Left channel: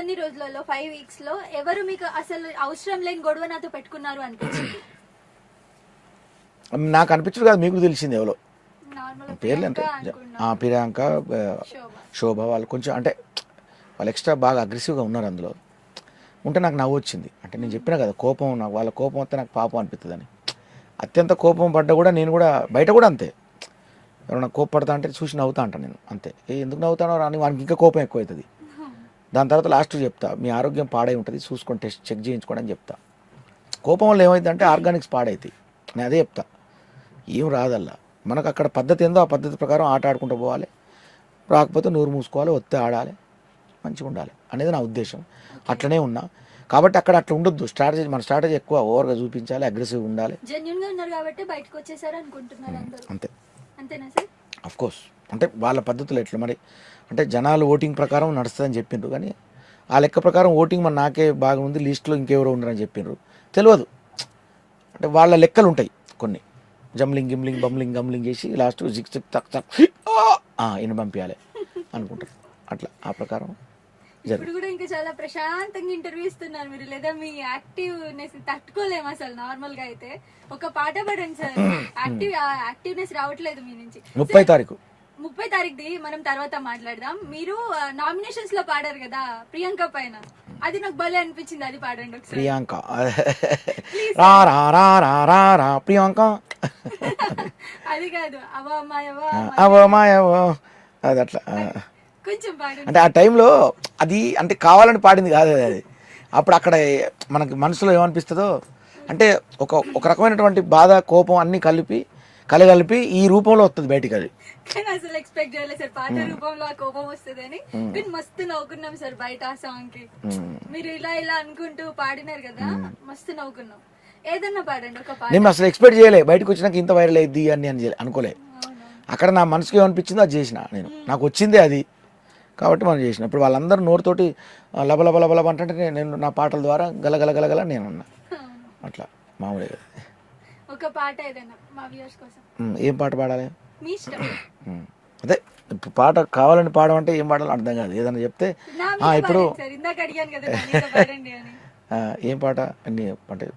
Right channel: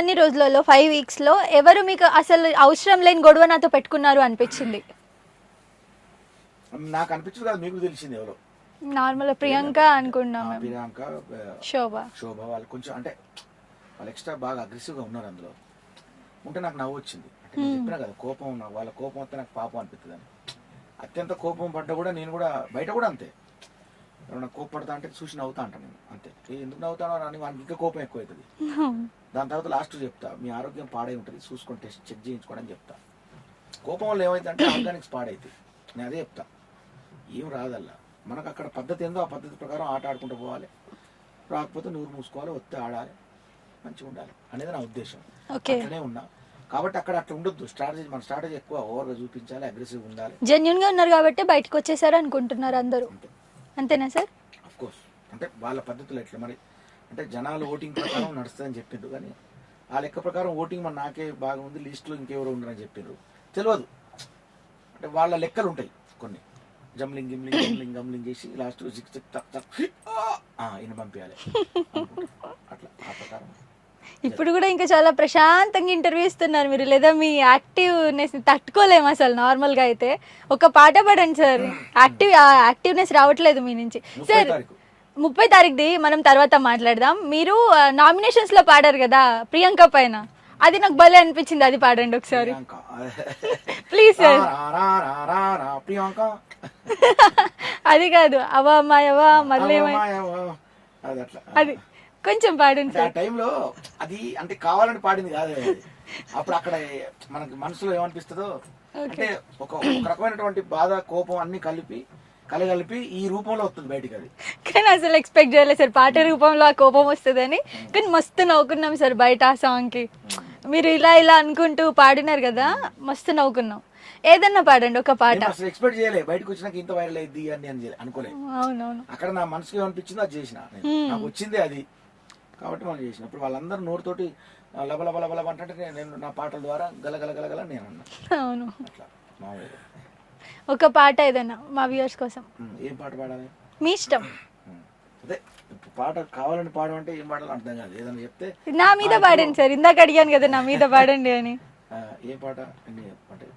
ఇన్ని రోజులలో 5 వీక్స్ లో ఎవరు మీకు అసలు అవసరం లేని గొడవ నాతో పెట్టుకున్నారు అనిపించింది? నాకు అనిపించదు కదా, మీకు తెలిసింది ఎవరో. నార్మల్ ప్రియాంక అనుకున్నా, ప్రియాంక, శోభ వాళ్ళు కొంచెం అంటే వాళ్ళు ఎక్స్ట్రా బాగా అగ్రెసివ్గా ఉన్నారు అందులో. ఉంటే నాకు నవ్వు వచ్చింది. అంటే నేను చెప్పినా కదా, కోపం, నాకు వాళ్ళ కోపం వస్తే నాకు పాపం అనిపిస్తుంది అని. అత్యంత కోపం పడ్డా కూడా నేను కూడా బయట కూడా అంతే, ఎవరైనా కోపపడతా అంటే చూసి నవ్వుతా అంటాను నేను అంతే. ఎందుకు నవ్వుతానో రాని వానికి ఇంకా కోపం ఎక్కువ అవుతుంది. దాని తర్వాత లాస్ట్ చెప్తా, మీ ఆరోగ్యం పాడై ఉంటుంది, చూసుకొని టెస్ట్ చెక్ చేయించుకోండి అని చెప్తా. కోపం వల్ల ఏమైందంటే ఆర్గానిక్స్ పాడైతాయి. నేను అదే చెప్తా, ఏం రాదల్లా. మనకు అక్కడ పద్ధతి ఏందో ఆ పద్ధతి ప్రకారం ఆట ఆడుకుంటూ పోవాలి. రాకపోతే నోరు మూసుకోవాలి, ఒత్తే ఆడాలి, మంచిగా ఉండాలి అనేది నా ఉద్దేశం. అట్లనే ఉన్నా కాబట్టి అక్కడ అట్లా ఉండొద్దు. స్ట్రాటజీ, మన స్ట్రాటజీ ఎక్కువ ఓవర్గా చూపించాలి, అగ్రెసివ్ ఉండాలి. జెన్యూన్ గా ఉన్నారు కాబట్టి బయటకు వచ్చేసారు అనుకుంటున్నారు అందరూ. అంతే. అంతేనా సార్? Of course. అంటే వాళ్ళ పద్ధతులు ఎట్లా మరి అంటే జనాలు ఓటింగ్ ప్రకారం నడుస్తుందని చెప్పిండ్రు, కానీ ఆ లెక్క ప్రకారం ఓటింగ్ మన నాకే బాగా ఉంది, లిస్టులో ఇంకెవరో ఉన్నారని చెప్పిండ్రు. తెలియదు. అంటే వాళ్ళ లెక్కలు ఉంటాయి కొన్ని, జంబ్లింగ్ గిమ్లింగ్ బమ్లింగ్ గమ్లింగ్ చేసి లాస్ట్ జిక్ చిక్ తక్ తక్ ఈయన పంపించాలి అనుకుంటారు. అట్లా ఆ ప్రకారం. ఇప్పుడు కూడా ఇంకా చాలా ప్రశాంతంగా ఇంటర్వ్యూ ఇస్తున్నారు మీరు, లేదా మీ యాక్టివ్నెస్ తట్టుకోలేము అసలు. నార్మల్ గా అయితే ఒక పాట పాడండి సార్. యాక్టివ్నెస్ రావట్లేదు మీ నుంచి. 30 తారీఖుది మనం తర్వాత మాట్లాడదాం. మీరు నామినేషన్స్ లో పాడారు కదా ప్రియాంక పైన, అది నాకు భలే అనిపించింది, అది పాడండి ఒకసారి. ప్రియాంక ప్లీజ్. ప్రియాంక అది కాదు, అది అట్లా కొంచెం పాడండి. అంటే ఆ టైంలో అది అంటే కావాలని పాడింది కాదు అది. అప్పుడు అక్కడ మనకి మనసులో ఏమనిపిస్తుందో అంటే ఒక రకమైనటువంటి బాధ, కోపం అన్ని కలగలిపి ఈ రూపంలో వస్తుంది బయటికి. అది కానీ అసలు ఎక్స్పెక్ట్ చేయలేదు సార్ పాట రూపంలో ఆ కోపం వస్తుందని. కానీ మస్తు నవ్వుకున్నాం సార్ బయట ఆ సాంగ్ కి. మీరు ఇలా అనుకుంటూ పాడినారు కదా, మస్తు నవ్వుకున్నాం. ఏదన్నా పాడండి ఒక పాట. నేను అసలు ఎక్స్పెక్ట్ చేయలే, బయటకు వచ్చినాక ఇంత వైరల్ అయ్యింది అని అనుకోలే. అక్కడ నా మనసుకి ఏమనిపించిందో అది చేసిన నేను, నాకు వచ్చిందే అది కాబట్టి మనం చేసిన. ఇప్పుడు వాళ్ళందరూ నోరుతోటి లబలబలబల అంటే నేను నా పాటల ద్వారా గలగల నేను అన్నా. అట్లా మామూలుగా ఒక పాట ఏదైనా మా వ్యూవర్స్ కోసం. ఏం పాట పాడాలి? మీ ఇష్టం. అదే పాట కావాలని పాడమంటే ఏం పాడాలో అర్థం కాదు. ఏదైనా చెప్తే నా మీద పాడండి సార్, ఇందాక అడిగాను కదా నా మీద పాడండి అని. ఏం పాట అన్ని అంటే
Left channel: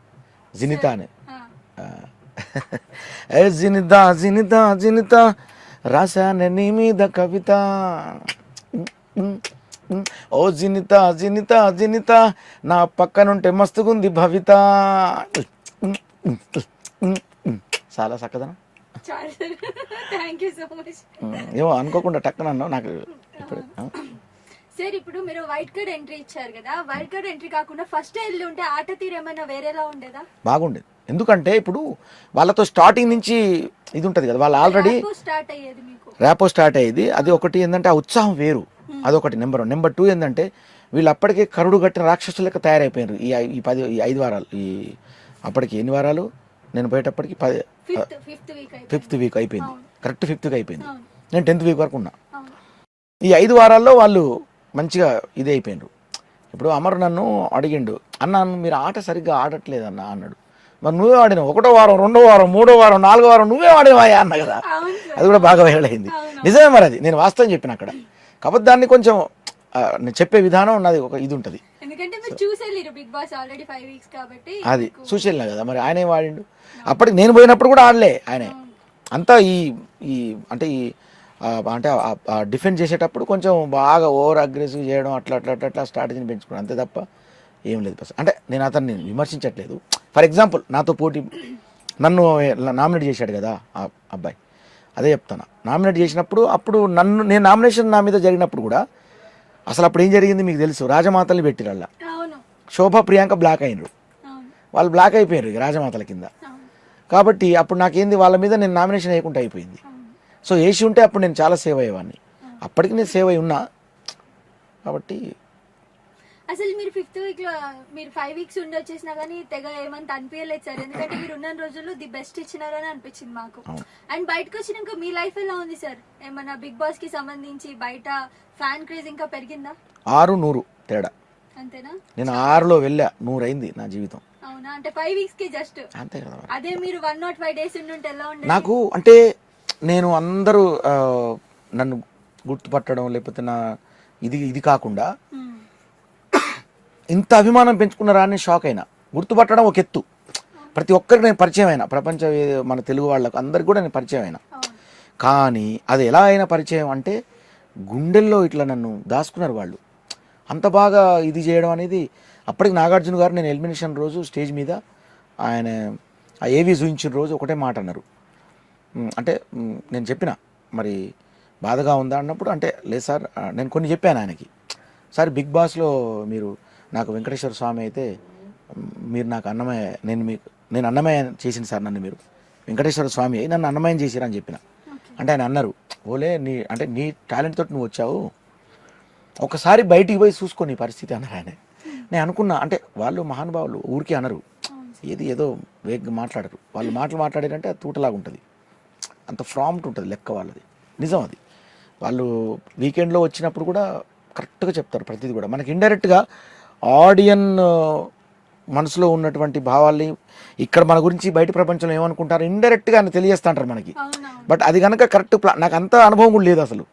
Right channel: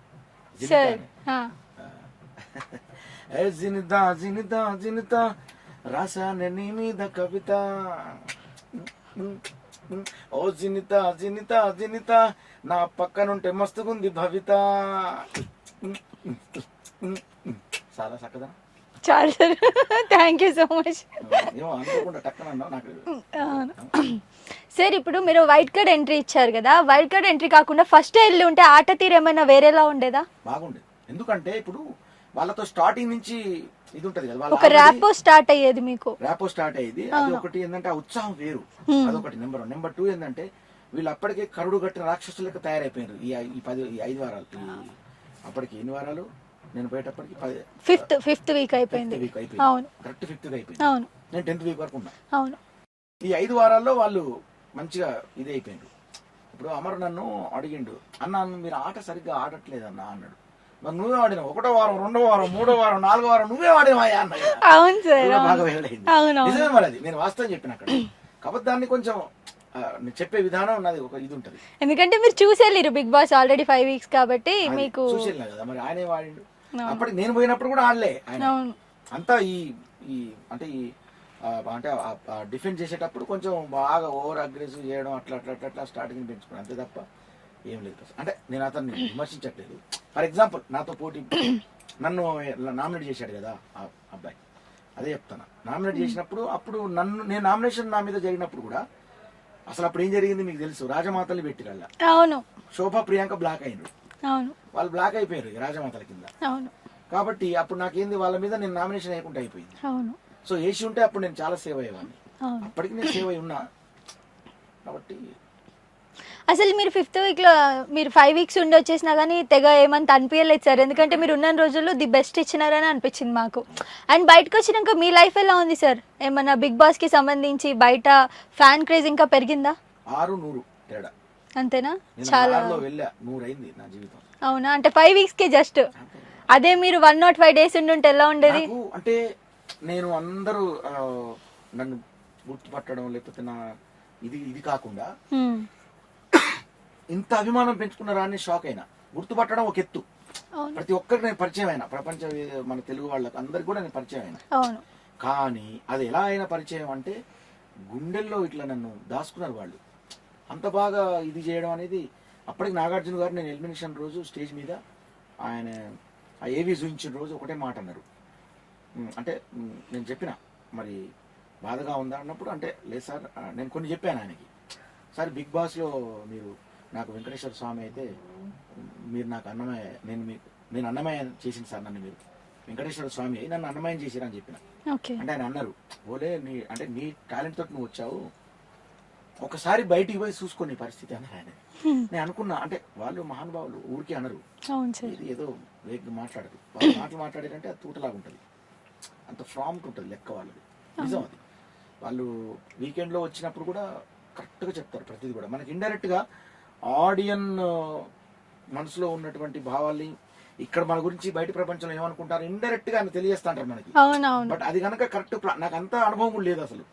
జినితా అని. జినితా జినితా జినితా రాశాను నీ మీద కవిత, ఓ జినితా జినితా జినితా నా పక్కనుంటే మస్తుగుంది భవిత. చాలా చక్కదా? చాలా. Thank you so much. ఏమో అనుకోకుండా టక్కన నాకు. సార్ ఇప్పుడు మీరు వైట్ కార్డ్ ఎంట్రీ ఇచ్చారు కదా, వైట్ కార్డ్ ఎంట్రీ కాకుండా ఫస్ట్ వెళ్ళి ఉంటే ఆట తీరు ఏమైనా వేరేలా ఉండేదా? బాగుండేది. ఎందుకంటే ఇప్పుడు వాళ్ళతో స్టార్టింగ్ నుంచి ఇది ఉంటది కదా, వాళ్ళు ఆల్రెడీ ర్యాపో స్టార్ట్ అయ్యేది మీకు. ర్యాపో స్టార్ట్ అయ్యేది. అది ఒకటి ఏంటంటే ఆ ఉత్సాహం వేరు, అదొకటి నెంబర్ 1. నెంబర్ 2 ఏంటంటే వీళ్ళు అప్పటికే కరుడు కట్టిన రాక్షసులు లెక్క తయారైపోయారు ఈ 5 వారాలు. ఈ అప్పటికి ఎన్ని వారాలు నేను పోయేటప్పటికి ఫిఫ్త్ వీక్ అయిపోయింది. కరెక్ట్ 5th వీక్ అయిపోయింది. నేను 10th వీక్ వరకు ఉన్నా. ఈ 5 వారాల్లో వాళ్ళు మంచిగా ఇది అయిపోయిండ్రు. ఇప్పుడు అమర్ నన్ను అడిగిండు, అన్న మీరు ఆట సరిగ్గా ఆడట్లేదు అన్న అన్నాడు. మరి నువ్వే ఆడినావు, 1వ వారం 2వ వారం 3వ వారం 4వ వారం నువ్వే ఆడేవా అన్న కదా. అది కూడా బాగా వైరల్ అయింది. నిజమే మరి, అది నేను వాస్తవం చెప్పిన అక్కడ. కాబట్టి దాన్ని కొంచెం చెప్పే విధానం ఉన్నది ఒక ఇది ఉంటది. ఎందుకంటే మీరు చూసేళ్ళారు బిగ్ బాస్ ఆల్రెడీ 5 వీక్స్ కాబట్టి అది చూసేళ్ళా కదా. మరి ఆయన వాడిండు, అప్పటికి నేను పోయినప్పుడు కూడా ఆడలే ఆయన. అంతా ఈ అంటే అంటే డిఫెండ్ చేసేటప్పుడు కొంచెం బాగా ఓవర్ అగ్రెసివ్ చేయడం, అట్లా అట్లా అట్లా అట్లా స్ట్రాటజీని పెంచుకోవడం, అంతే తప్ప ఏం లేదు. అంటే నేను అతన్ని విమర్శించట్లేదు. ఫర్ ఎగ్జాంపుల్ నాతో పోటీ నన్ను నామినేట్ చేశాడు కదా ఆ అబ్బాయి, అదే చెప్తాను. నామినేట్ చేసినప్పుడు అప్పుడు నేను నామినేషన్ నా మీద జరిగినప్పుడు కూడా అసలు అప్పుడు ఏం జరిగింది మీకు తెలుసు, రాజమాతల్ని పెట్టిరల్లా. శోభ ప్రియాంక బ్లాక్ అయినరు, వాళ్ళు బ్లాక్ అయిపోయారు రాజమాతల కింద. కాబట్టి అప్పుడు నాకేంది, వాళ్ళ మీద నేను నామినేషన్ వేయకుండా అయిపోయింది. సో వేసి ఉంటే అప్పుడు నేను చాలా సేవ్ అయ్యేవాడిని. అప్పటికి నేను సేవ్ అయి ఉన్నా కాబట్టి. అసలు మీరు 5th వీక్లో మీరు 5 వీక్స్ ఉండి వచ్చేసినా కానీ తెగ ఏమంత అనిపించలేదు సార్, ఎందుకంటే మీరు ఉన్న రోజుల్లో ది బెస్ట్ ఇచ్చినారని అనిపించింది మాకు. అండ్ బయటకు వచ్చినాక మీ లైఫ్ ఎలా ఉంది సార్? ఏమన్నా బిగ్ బాస్ కి సంబంధించి బయట ఫ్యాన్ క్రేజ్ ఇంకా పెరిగిందా? 600 తేడా అంతేనా? నేను 6లో వెళ్ళా, 100 అయింది నా జీవితం. అవునా? అంటే 5 వీక్స్ కి జస్ట్. అదే మీరు 105 డేస్ ఉండుంటే ఎలా ఉండేది? నాకు అంటే నేను అందరూ నన్ను గుర్తుపట్టడం లేకపోతే నా ఇది కాకుండా ఇంత అభిమానం పెంచుకున్నారా అని షాక్ అయినా. గుర్తుపట్టడం ఒక ఎత్తు, ప్రతి ఒక్కరికి నేను పరిచయం అయినా, మన తెలుగు వాళ్ళకు అందరికి కూడా నేను పరిచయం అయినా. కానీ అది ఎలా అయినా పరిచయం అంటే గుండెల్లో ఇట్లా నన్ను దాచుకున్నారు వాళ్ళు. అంత బాగా ఇది చేయడం అనేది. అప్పటికి నాగార్జున గారు నేను ఎలిమినేషన్ రోజు స్టేజ్ మీద ఆయన ఆ ఏవి చూయించిన రోజు ఒకటే మాట అన్నారు. అంటే నేను చెప్పిన మరి బాధగా ఉందా అన్నప్పుడు, అంటే లేదు సార్ నేను కొన్ని చెప్పాను ఆయనకి. సార్ బిగ్ బాస్లో మీరు నాకు వెంకటేశ్వర స్వామి అయితే మీరు నాకు అన్నమయ్య, నేను అన్నమయ్య చేసింది సార్, నన్ను మీరు వెంకటేశ్వర స్వామి అయి నన్ను అన్నమయ్యం చేసిరా అని చెప్పిన. అంటే ఆయన అన్నారు, ఓలే నీ టాలెంట్ తోటి నువ్వు వచ్చావు, ఒకసారి బయటికి పోయి చూసుకో నీ పరిస్థితి అన్నారు ఆయన. నేను అనుకున్నా, అంటే వాళ్ళు మహానుభావులు ఊరికే అనరు, ఏదో వేగంగా మాట్లాడరు. వాళ్ళు మాట్లాడారంటే అది తూటలాగా ఉంటుంది, అంత ఫ్రాంప్ట్ ఉంటుంది లెక్క వాళ్ళది. నిజం అది. వాళ్ళు వీకెండ్లో వచ్చినప్పుడు కూడా కరెక్ట్గా చెప్తారు ప్రతిదీ కూడా. మనకి ఇండైరెక్ట్గా ఆడియన్ మనసులో ఉన్నటువంటి భావాల్ని ఇక్కడ మన గురించి బయట ప్రపంచంలో ఏమనుకుంటారు ఇండైరెక్ట్గా అని తెలియజేస్తా అంటారు మనకి. బట్ అది కనుక కరెక్ట్ నాకు అంత అనుభవం కూడా లేదు అసలు.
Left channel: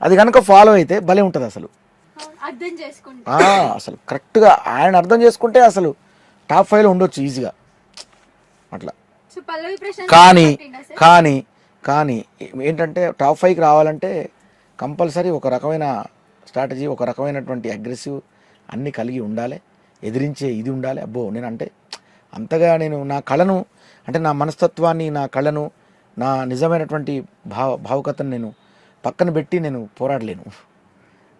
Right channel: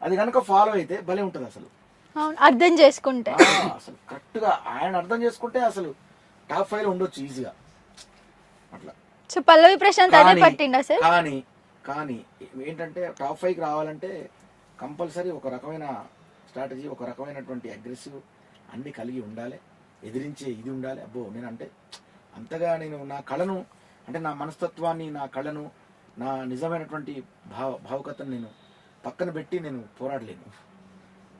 అది కనుక ఫాలో అయితే భలే ఉంటుంది అసలు, అర్థం చేసుకుంటే. అసలు కరెక్ట్గా ఆయన అర్థం చేసుకుంటే అసలు టాప్ 5లో ఉండొచ్చు ఈజీగా అట్లా. కానీ ఏంటంటే టాప్ 5కి రావాలంటే కంపల్సరీ ఒక రకమైన స్ట్రాటజీ, ఒక రకమైనటువంటి అగ్రెసివ్ అన్నీ కలిగి ఉండాలి, ఎదిరించే ఇది ఉండాలి. అబ్బో నేనంటే అంతగా నేను నా కళను, అంటే నా మనస్తత్వాన్ని, నా కళను, నా నిజమైనటువంటి భావుకతను నేను పక్కన పెట్టి నేను పోరాడలేను,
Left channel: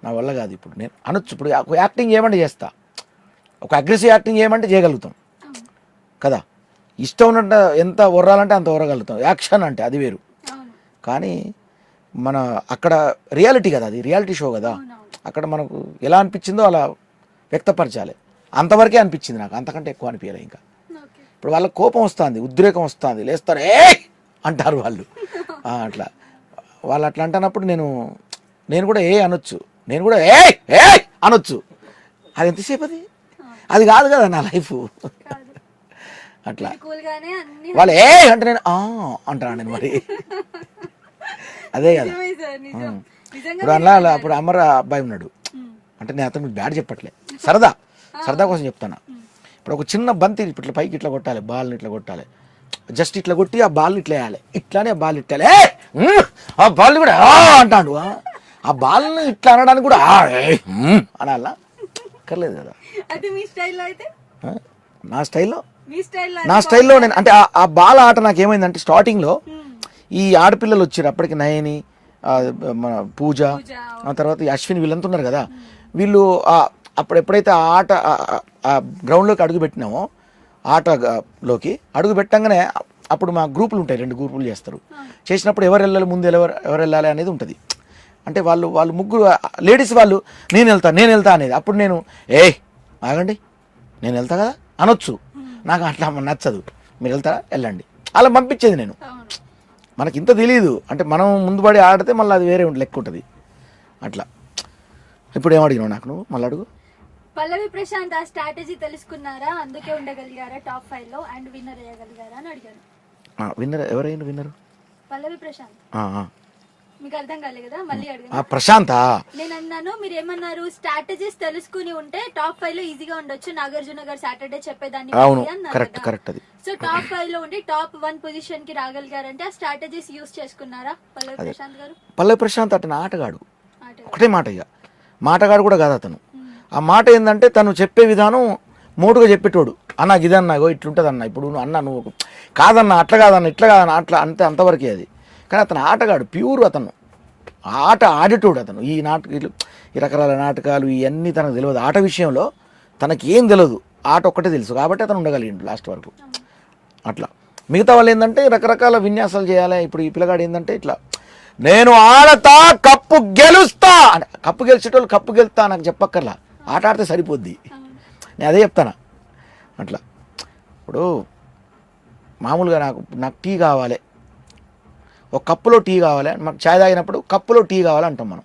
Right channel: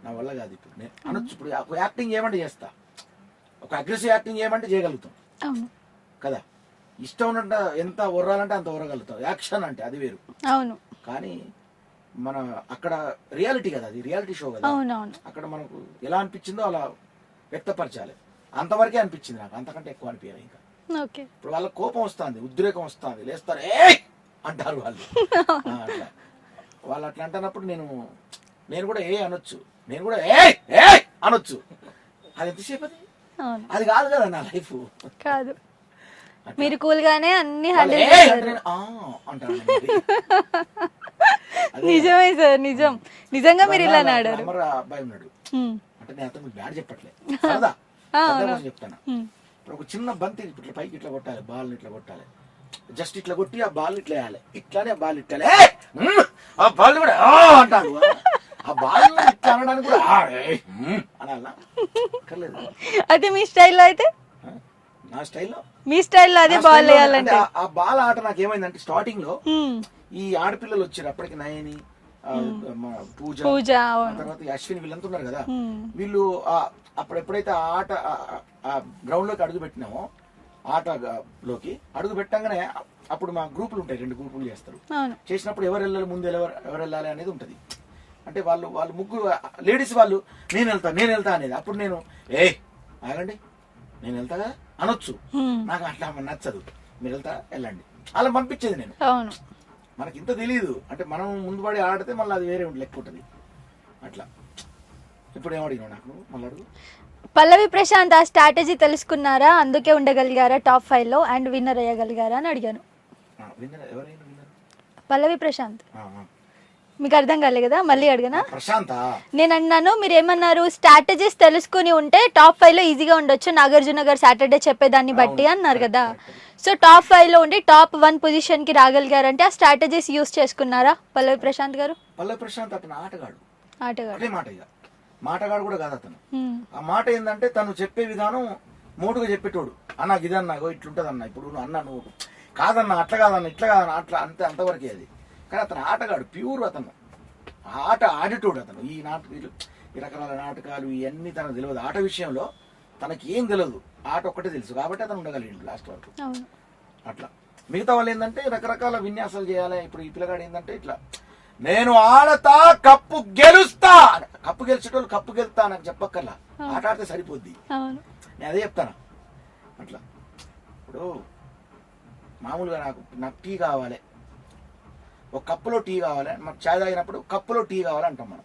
నా వల్ల కాదు. ఇప్పుడు నేను అనొచ్చు, ఇప్పుడు యాక్టింగ్ చేయమంటే చేస్తా, ఒక అగ్రెసివ్ యాక్టింగ్ చేయమంటే చేయగలుగుతాం కదా, ఇష్టం ఉన్నట్టు ఎంత ఒర్రాలంటే అంత ఒర్రగలుగుతాం, యాక్షన్ అంటే అది వేరు. కానీ మన అక్కడ రియాలిటీ కదా, అది రియాలిటీ షో కదా, అక్కడ మనకు ఎలా అనిపించిందో అలా వ్యక్తపరచాలి. అంతవరకే అనిపించింది నాకు, అంతకంటే ఎక్కువ అనిపించాలి. ఇంకా ఇప్పుడు వాళ్ళ కోపం వస్తుంది, ఉద్రేకం వస్తుంది, లేస్తారు ఏ అంటారు వాళ్ళు. అట్లా వాళ్ళు అట్లా అంటున్నప్పుడు నేను కూడా ఏ అనొచ్చు, నేను కూడా ఏ అనొచ్చు. అది ఎంతసేపు అది కాదు కదా నా లైఫ్. వాళ్ళు ఏ అంటే నేను అంటాను మరి. అదే ఇప్పుడు అమర అబ్బాయి ఉన్నాడు అంటే నేను అతను బ్యాడ్ చెప్పట్లే, సరదా కోసం చెప్తాను. ఇప్పుడు ఒక చిన్న బంతి ఇట్లా పైకి ఇట్లా కొట్టాలి, బాల్ని ఇట్లా కొట్టాలి, జస్ట్ ఇట్లా కొట్టి ఆ బాల్ ఇట్లా వేయాలి, ఇట్లానే ఆ బాల్ ఇట్లా ఆ బాల్ కూడా అంటాడు. ఆ బాల్ని ఇట్లా అనడానికి కూడా అనాలా కర్లేదు. అది మీ స్టైల్లో అయితే? నా స్టైల్లో అంటే ఆ బాల్ ఆట నాకు ఏమైందంటే స్టార్టింగ్ లో ఈ ఆడపిల్లలు వచ్చారు అప్పటికి, నయని, మన పూజ, ఆ తర్వాత అశ్విన్, వీళ్ళంతా ఉన్నారు కదా. వీళ్ళు అప్పుడు ఎప్పుడైతే ఆ ఆట ఆ గ్రౌండ్లోకి అడుగు పెట్టినామో, ఆటలోకి అడుగు పెట్టంగానే అప్పుడు మా గ్రూపులు ఉంటాయి, 2 గ్రూపులు చేస్తారు. చేసినప్పుడు ఎవరు వెళ్ళాలి, ముందు ఎవరు వెళ్ళాలి అనేది ఉంటుంది. అంటే వాళ్ళు ముగ్గురు లేడీస్ వాళ్ళు నేను వెళ్తా అనేది. అప్పుడు నేను ఆగండి నేను వెళ్తా కదా అనొచ్చు. నాకు అట్లా నచ్చదు, మీరు వెళ్తారా వెళ్ళండి అలా పంపించేది నేను. మనకి ఇంత తెలియదు, అంటే మనం ముందు పడి ఆడితే మళ్ళీ అది వేరే లెక్క ఉంటుంది అట్లా. ఇప్పుడు ఏమడిగినావు నాకు నువ్వు మళ్ళీ అడుగు. పల్లవి ప్రశాంత్ ఆ స్ట్రాటజీ తెలుసుకున్నారా, అందుకే ఉండగలిగారా టాప్ 5లో అండ్ విన్నర్ అయ్యగలిగారా అని అడిగాను. విన్నర్ ఎవరైనా విన్నర్? పల్లవి ప్రశాంత్. మీకు అర్థం కాలే కదా, మళ్ళీ అడిగాను. ప్రశాంత్ నేను అన్నాను, మీరు ఏమన్నారు, స్ట్రాటజీస్ తెలుసుకుని ఉంటే టాప్ 5లో ఈజీగా ఉండొచ్చు, నాగార్జున గారు సాటర్డే చెప్పేదాన్ని బట్టి అన్నారు కదా. సో టాప్ 5లో ఉండి టాప్ 1 పొజిషన్ కి రాగలిగారంటే ఆ స్ట్రాటజీస్ యూస్ చేసుకున్నారా పల్లవి ప్రశాంత్ గారు? పల్లవి ప్రశాంత్ అతను ఆటగాడు, ఒకటే మాట, ఇక మాటగాడు కూడా కాదు అతను. ఆ మాట ఏంటంటే తను చెప్పే విధానం మోటుగా చెప్పేటోడు. అన్న ఇదన్నాగో ఇట్లుంటుంది అన్న, ఇప్పుడు నువ్వు అన్న నువ్వు కాదన్నా అట్లా కాదన్న ఇట్లా కాదన్న అట్లా అంతవరకే అది. కానీ అతను ఆటగాడు, ప్యూర్. అతను ఆట ఆడేటోడు. అతను ఈ రకరకాల నాటకాలు ఇవన్నీ తనకు తెలియదు. ఆట విషయంలో తనకి ఏం తెలియదు, ఆట ఒక్కటే తెలుసు కాబట్టి అతను ఉండగలిగిండు లాస్ట్ వరకు అట్లా. మిగతా వాళ్ళు ఏంటంటే రకరకాల విన్యాసాలు చేయాలి. ఇప్పుడు ఈ పిల్లగాడు ఏంటంటే ఇట్లా నేను ఆడతా కప్పు గెలుస్తా, కప్పు గెలిచేటోళ్ళు కప్పు గెలుస్తా నాకు చెప్పక్కర్లా, ఆట ఆడితే సరిపోద్ది. నేను అదే చెప్తాను అట్లా. ఇప్పుడు మామూలుగా నాకు టీ కావాలి, ఒక కప్పులో టీ కావాలి, మనకు ఛాయ్ తాగినప్పుడు కప్పులో టీ కావాలి అంటాం మనం,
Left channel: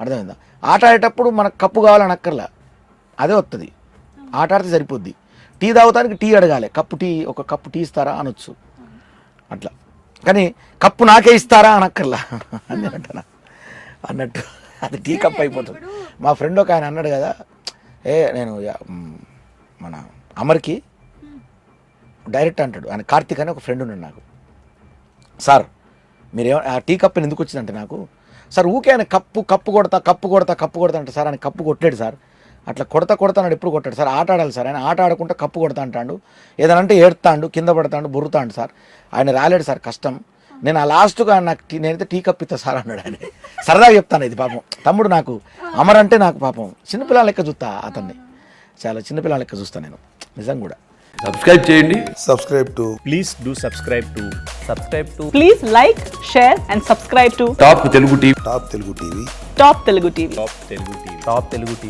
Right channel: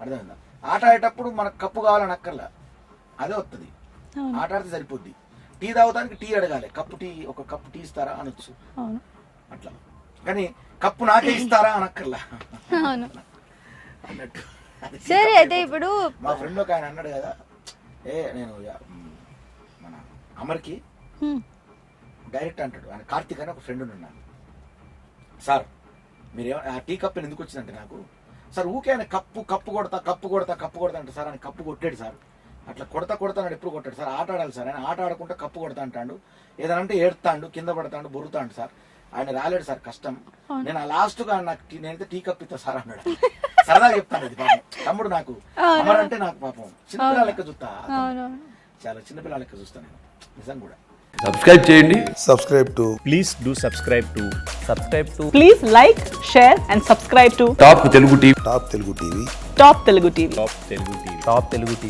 అర్థమైందా? ఆట ఆడేటప్పుడు మనకు కప్పు కావాలని అక్కర్లా, అదే వస్తుంది, ఆట ఆడితే సరిపోద్ది. టీ తాగుతానికి టీ అడగాలి, ఒక కప్పు టీ ఇస్తారా అనొచ్చు అట్లా. కానీ కప్పు నాకే ఇస్తారా అనక్కర్లా అన్నట్టు అది టీ కప్ అయిపోతుంది. మా ఫ్రెండ్ ఒక ఆయన అన్నాడు కదా, నేను మన అమర్కి డైరెక్ట్ అంటాడు, ఆయన కార్తీక్ అని ఒక ఫ్రెండ్ ఉన్నాడు నాకు. సార్ మీరేమో ఆ టీ కప్ ఎందుకు వచ్చిందంటే నాకు, సార్ ఊకే ఆయన కప్పు కొడతా అంటే, సార్ ఆయన కప్పు కొట్టాడు సార్, అట్లా కొడతాడు ఎప్పుడు కొట్టాడు సార్, ఆట ఆడాలి సార్, ఆయన ఆట ఆడకుండా కప్పు కొడతా అంటాడు, ఏదనంటే ఏడుతాడు, కింద పడతాడు, బొరుతాడు సార్, ఆయన రాలేడు సార్, కష్టం, నేను ఆ లాస్ట్గా నాకు నేనైతే టీ కప్ ఇస్తా సార్ అన్నాడు. ఆయన సరదాగా చెప్తాను ఇది, పాపం తమ్ముడు నాకు అమర్ అంటే నాకు పాపం చిన్నపిల్లల లెక్క చూస్తా, అతన్ని చాలా చిన్నపిల్లల లెక్క చూస్తాను నేను నిజం కూడా. సబ్స్క్రైబ్ చేయండి. subscribe to Please do subscribe to Please like, share and subscribe to top Telugu TV. Top Telugu TV. Top Telugu TV. Top Telugu TV.